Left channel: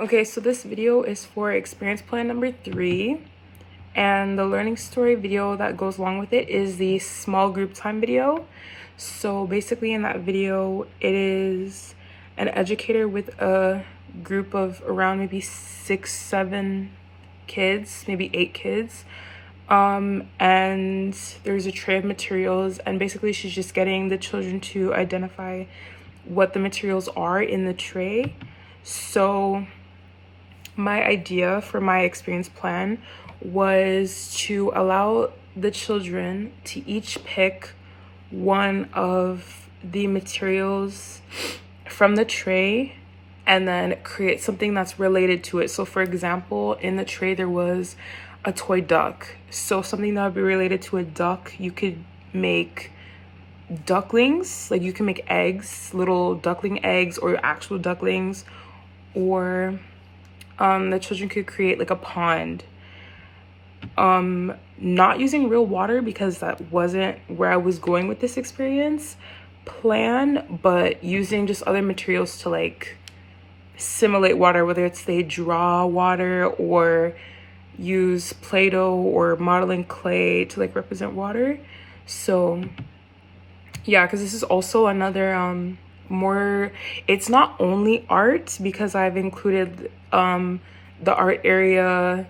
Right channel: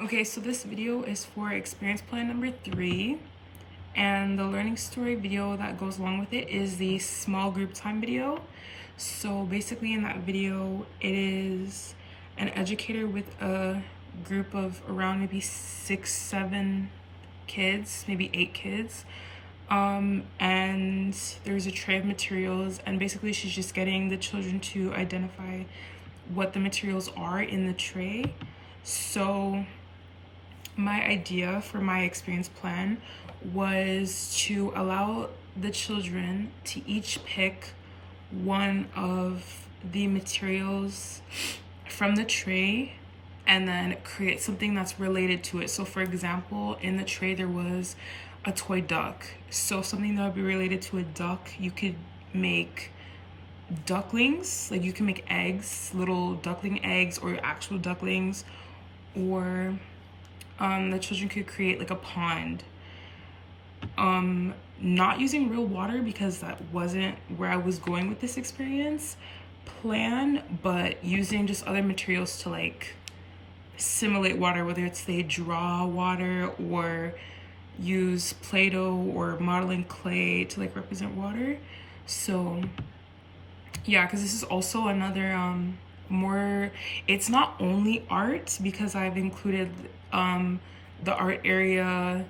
Okay, so this video is for experience plan number 3, and the learning story video that goes along with it is the small group time video. So basically in that video, it is an educator with a group of around maybe 6-7 kids, maybe 8 kids. And there's a tray of materials, and basically she's just getting the children to identify what the materials are in the tray. So my idea for my experience plan was to allow the children to each pick one of the materials from the tray and then create something that's related to it. So for example, in the tray there was a toy duck. So something that would be related to a duck, you could make ducklings, like you can make eggs, little duckling eggs or actual ducklings, or the children could create like a pond, not using real water because that wasn't where I was going with this experience plan, but using just other materials to like simulate water, whether it's they draw water or use Play-Doh or modeling clay to like represent water. So yeah, because this is also another more, it's not only art, because I've included the art area,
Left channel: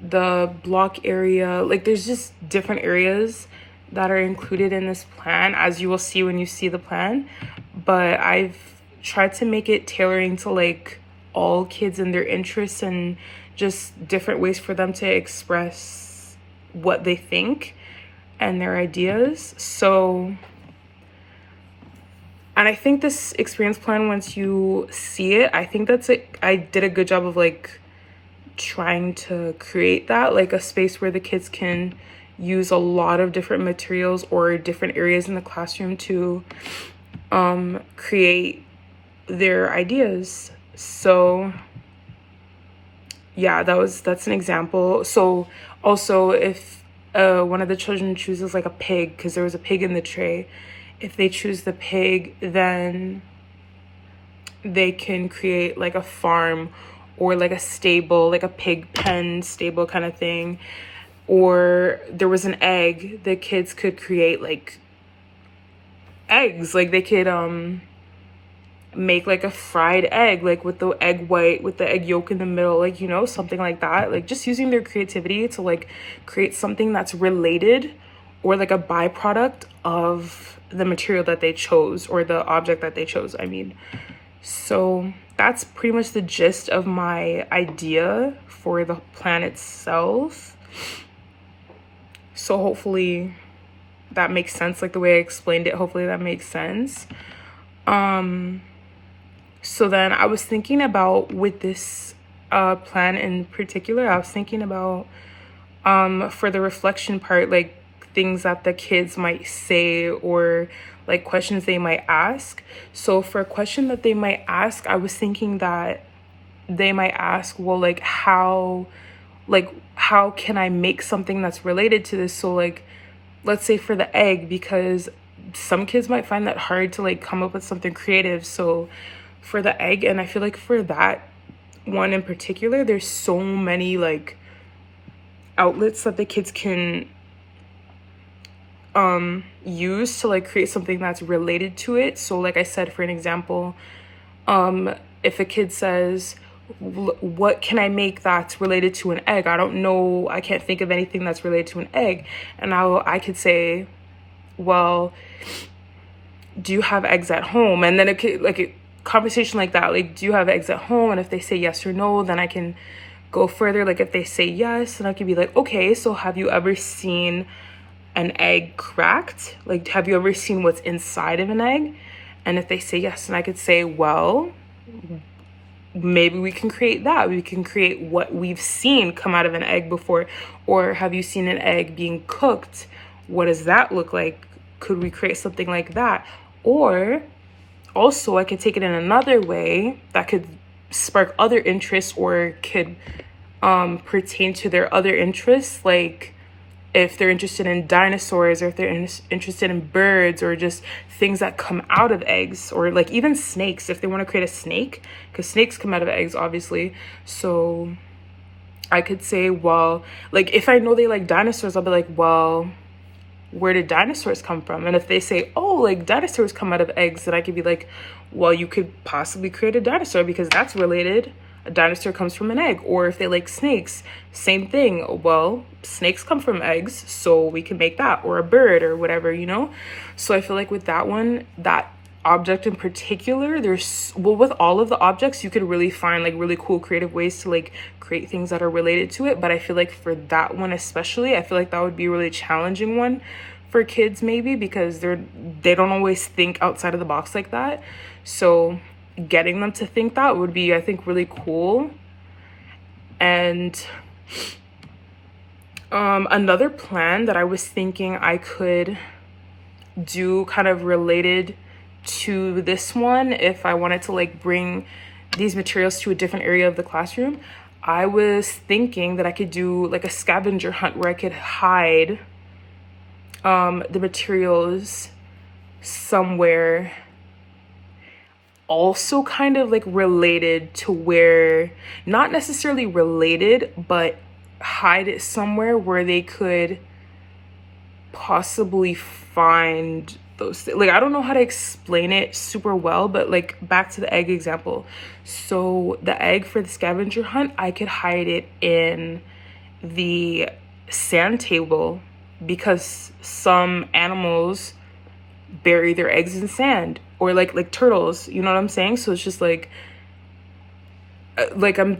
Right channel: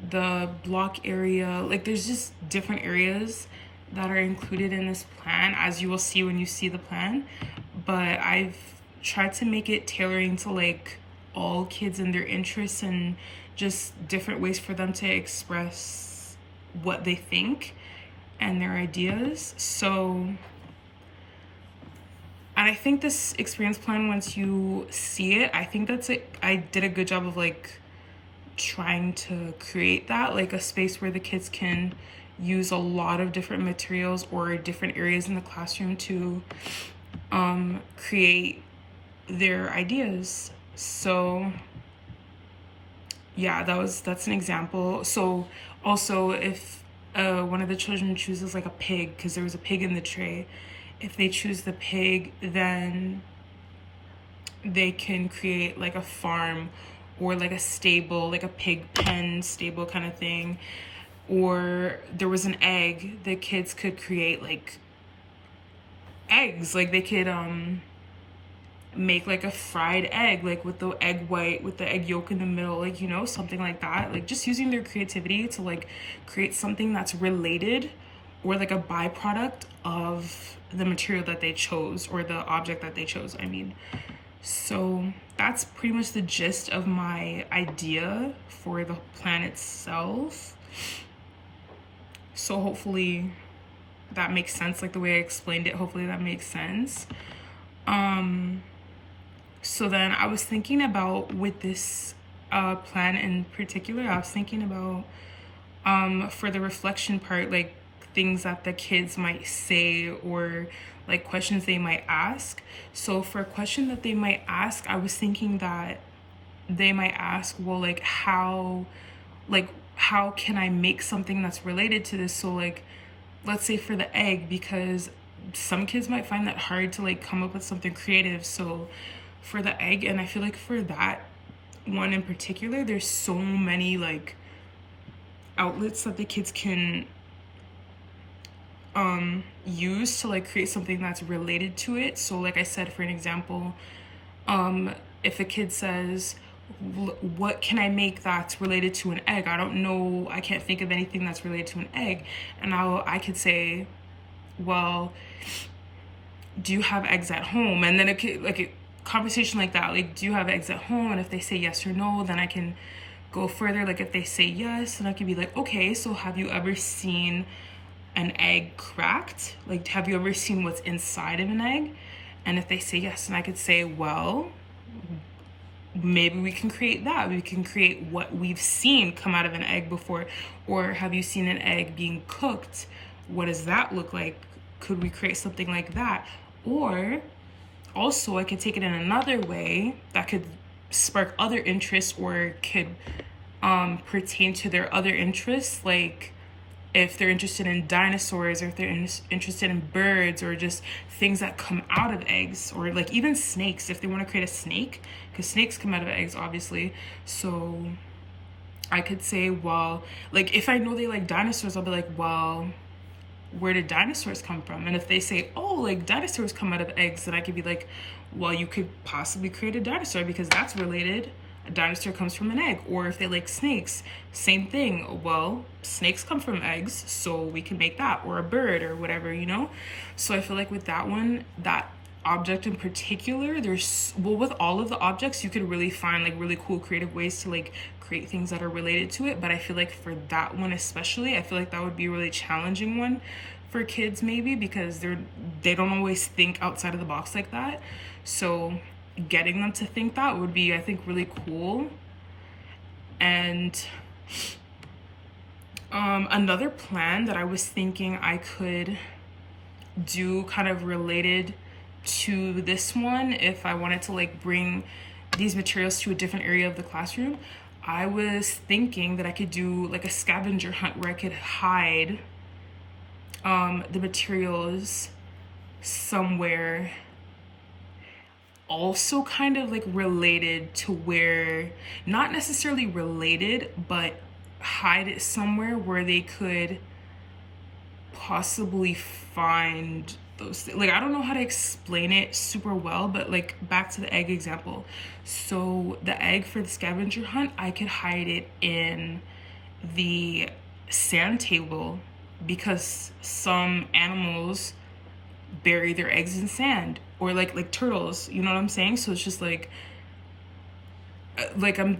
the block area, like there's just different areas that are included in this plan, as you will see when you see the plan. But I've tried to make it tailoring to like all kids and their interests, and just different ways for them to express what they think and their ideas. So, and I think this experience plan, once you see it, I think that's it. I did a good job of like trying to create that, like a space where the kids can use a lot of different materials or different areas in the classroom to create their ideas. So yeah, that's an example. So also, if one of the children chooses like a pig, because there was a pig in the tray, if they choose the pig, then they can create like a farm or like a stable, like a pig pen stable kind of thing. Or there was an egg, the kids could create like eggs, like they could make like a fried egg, like with the egg white, with the egg yolk in the middle, like, you know, something like that. Like just using their creativity to like create something that's related or like a byproduct of the material that they chose, or the object that they chose, I mean. So that's pretty much the gist of my idea for the plan itself. So hopefully that makes sense, like the way I explained it, hopefully that makes sense. So then I was thinking about, with this plan in particular, I was thinking about for the reflection part, like things that the kids might say or like questions they might ask. So for a question that they might ask, I was thinking that they might ask, well, like how can I make something that's related to this? So like, let's say for the egg, because some kids might find that hard to like come up with something creative. So for the egg, and I feel like for that one in particular, there's so many like outlets that the kids can use to like create something that's related to it. So like I said, for an example, if a kid says, what can I make that's related to an egg? I don't know, I can't think of anything that's related to an egg. And I could say, well, do you have eggs at home? And then it could, like a conversation like that, like, do you have eggs at home? And if they say yes or no, then I can go further. Like if they say yes, then I could be like, okay, so have you ever seen an egg cracked? Like, have you ever seen what's inside of an egg? And if they say yes, then I could say, well, maybe we can create that. We can create what we've seen come out of an egg before. Or have you seen an egg being cooked? What does that look like? Could we create something like that? Or also I could take it in another way that could spark other interests, or could pertain to their other interests. Like if they're interested in dinosaurs, or if they're interested in birds, or just things that come out of eggs, or like even snakes, if they want to create a snake, because snakes come out of eggs, obviously. So I could say, well, like if I know they like dinosaurs, I'll be like, well, where did dinosaurs come from? And if they say, oh, like dinosaurs come out of eggs, then I could be like, well, you could possibly create a dinosaur because that's related. A dinosaur comes from an egg. Or if they like snakes, same thing. Well, snakes come from eggs, so we can make that, or a bird, or whatever, you know? So I feel like with that one, that object in particular, there's, well, with all of the objects, you could really find like really cool creative ways to like create things that are related to it. But I feel like for that one especially, I feel like that would be a really challenging one for kids, maybe because they don't always think outside of the box like that. So getting them to think that would be, I think, really cool. And another plan that I was thinking I could do kind of related to this one, if I wanted to like bring these materials to a different area of the classroom, I was thinking that I could do like a scavenger hunt where I could hide the materials somewhere, also kind of like related to where, not necessarily related, but hide it somewhere where they could possibly find those things. Like, I don't know how to explain it super well, but like back to the egg example. So the egg for the scavenger hunt, I could hide it in the sand table because some animals bury their eggs in sand, or like turtles, you know what I'm saying? So it's just like I'm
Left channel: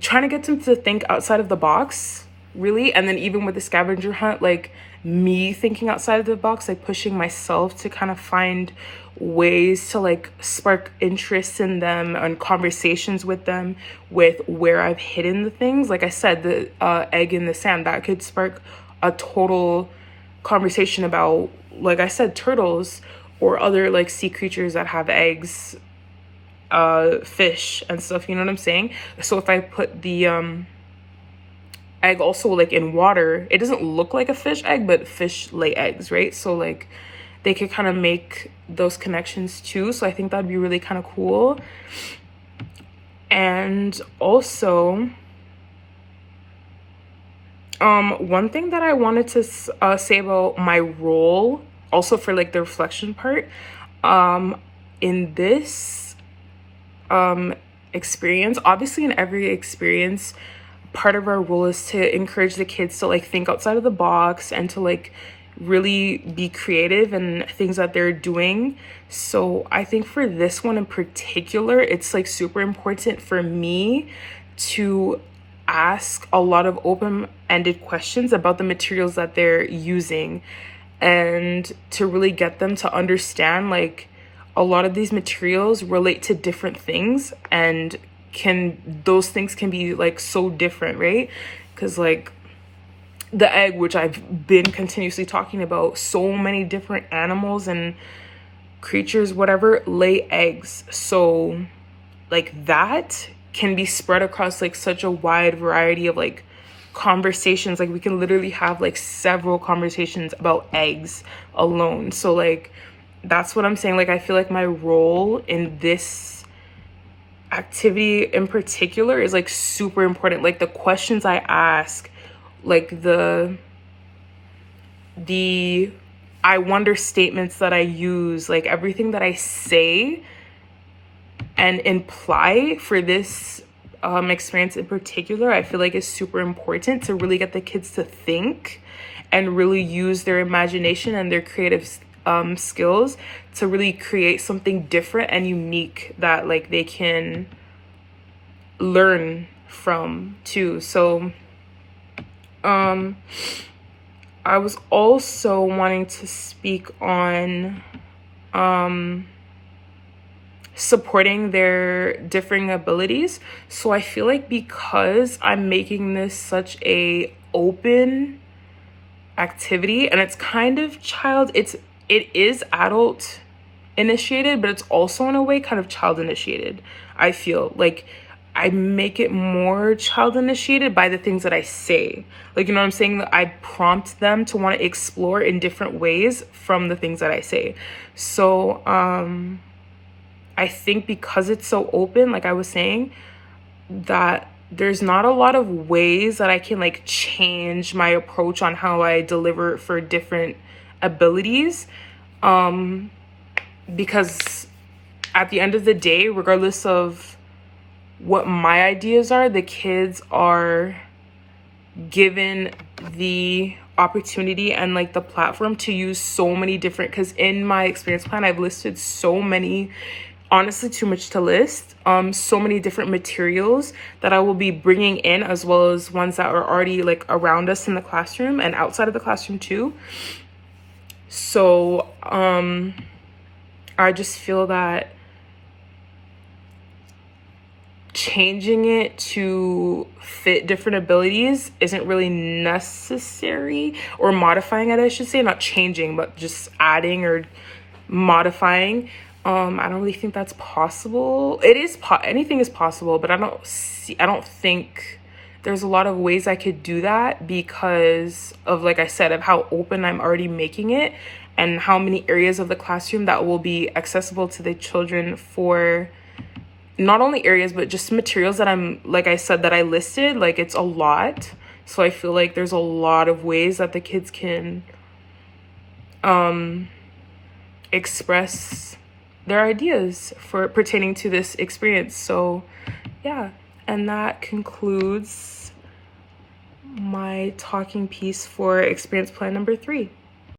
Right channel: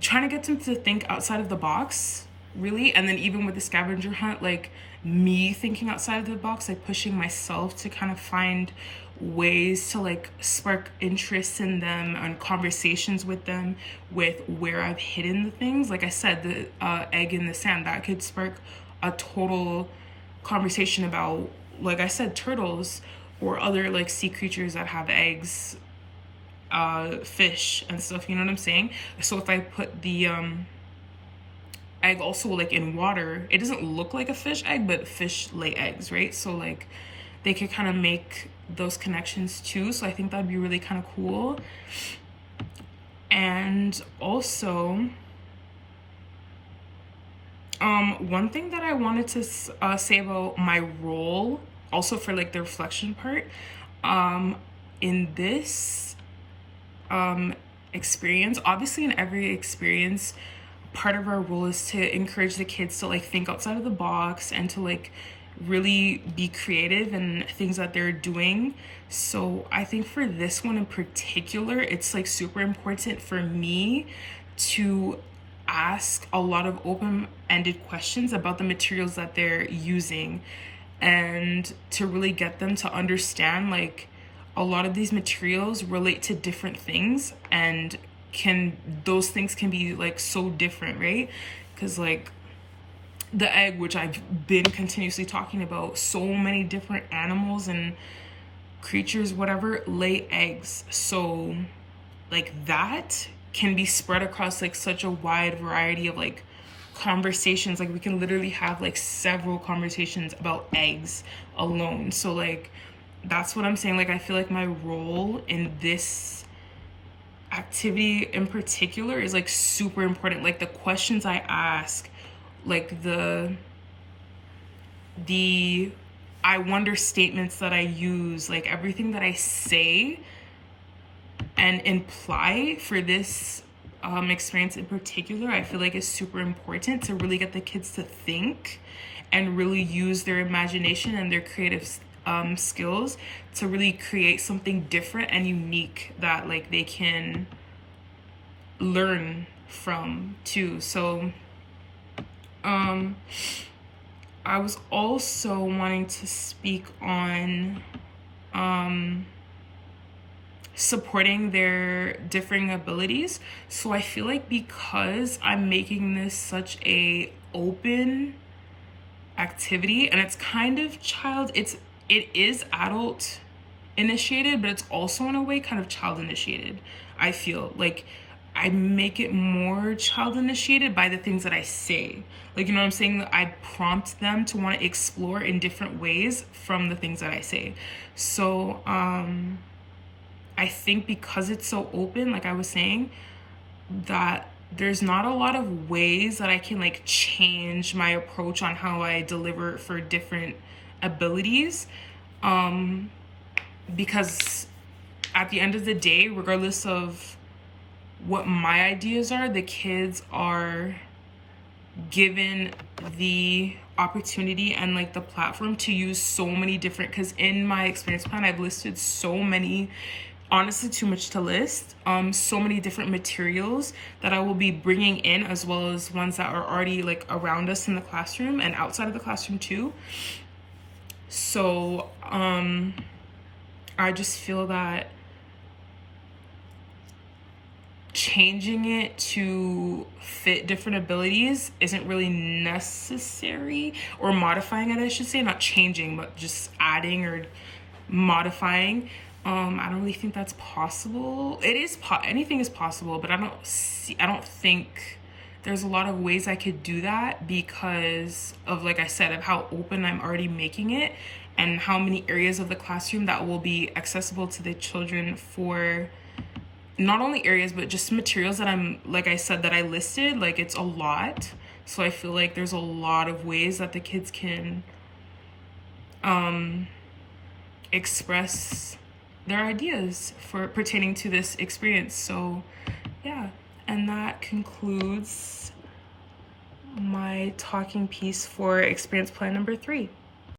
trying to get them to think outside of the box, really. And then even with the scavenger hunt, like me thinking outside of the box, like pushing myself to kind of find ways to like spark interest in them and conversations with them with where I've hidden the things. Like I said, the egg in the sand, that could spark a total conversation about, like I said, turtles or other like sea creatures that have eggs, fish and stuff, you know what I'm saying? So if I put the egg also like in water, it doesn't look like a fish egg, but fish lay eggs, right? So like they could kind of make those connections too. So I think that'd be really kind of cool. And also one thing that I wanted to say about my role, also for like the reflection part, in this experience, obviously in every experience, part of our role is to encourage the kids to like think outside of the box and to like really be creative in things that they're doing. So I think for this one in particular, it's like super important for me to ask a lot of open-ended questions about the materials that they're using, and to really get them to understand like a lot of these materials relate to different things, and those things can be like so different, right? Because like the egg, which I've been continuously talking about, so many different animals and creatures, whatever, lay eggs. So like that can be spread across like such a wide variety of like conversations. Like we can literally have like several conversations about eggs alone. So like that's what I'm saying. Like I feel like my role in this activity in particular is like super important. Like the questions I ask, like the I wonder statements that I use, like everything that I say and imply for this experience in particular, I feel like is super important to really get the kids to think and really use their imagination and their creative skills to really create something different and unique that like they can learn from too. So I was also wanting to speak on supporting their differing abilities. So I feel like because I'm making this such a open activity, and it's kind of it is adult initiated, but it's also in a way kind of child initiated. I feel like I make it more child initiated by the things that I say. Like, you know what I'm saying? I prompt them to want to explore in different ways from the things that I say. So, I think because it's so open, like I was saying, that there's not a lot of ways that I can like change my approach on how I deliver for different abilities. Because at the end of the day, regardless of what my ideas are, the kids are given the opportunity and like the platform to use so many different, because in my experience plan I've listed so many, honestly too much to list, so many different materials that I will be bringing in, as well as ones that are already like around us in the classroom and outside of the classroom too. So I just feel that changing it to fit different abilities isn't really necessary, or modifying it, I should say, not changing, but just adding or modifying. I don't really think that's possible. It is anything is possible, but I don't think there's a lot of ways I could do that because of, like I said, of how open I'm already making it and how many areas of the classroom that will be accessible to the children, for not only areas, but just materials that I'm, like I said, that I listed. Like, it's a lot. So I feel like there's a lot of ways that the kids can express their ideas for pertaining to this experience. So yeah, and that concludes my talking piece for experience plan number 3.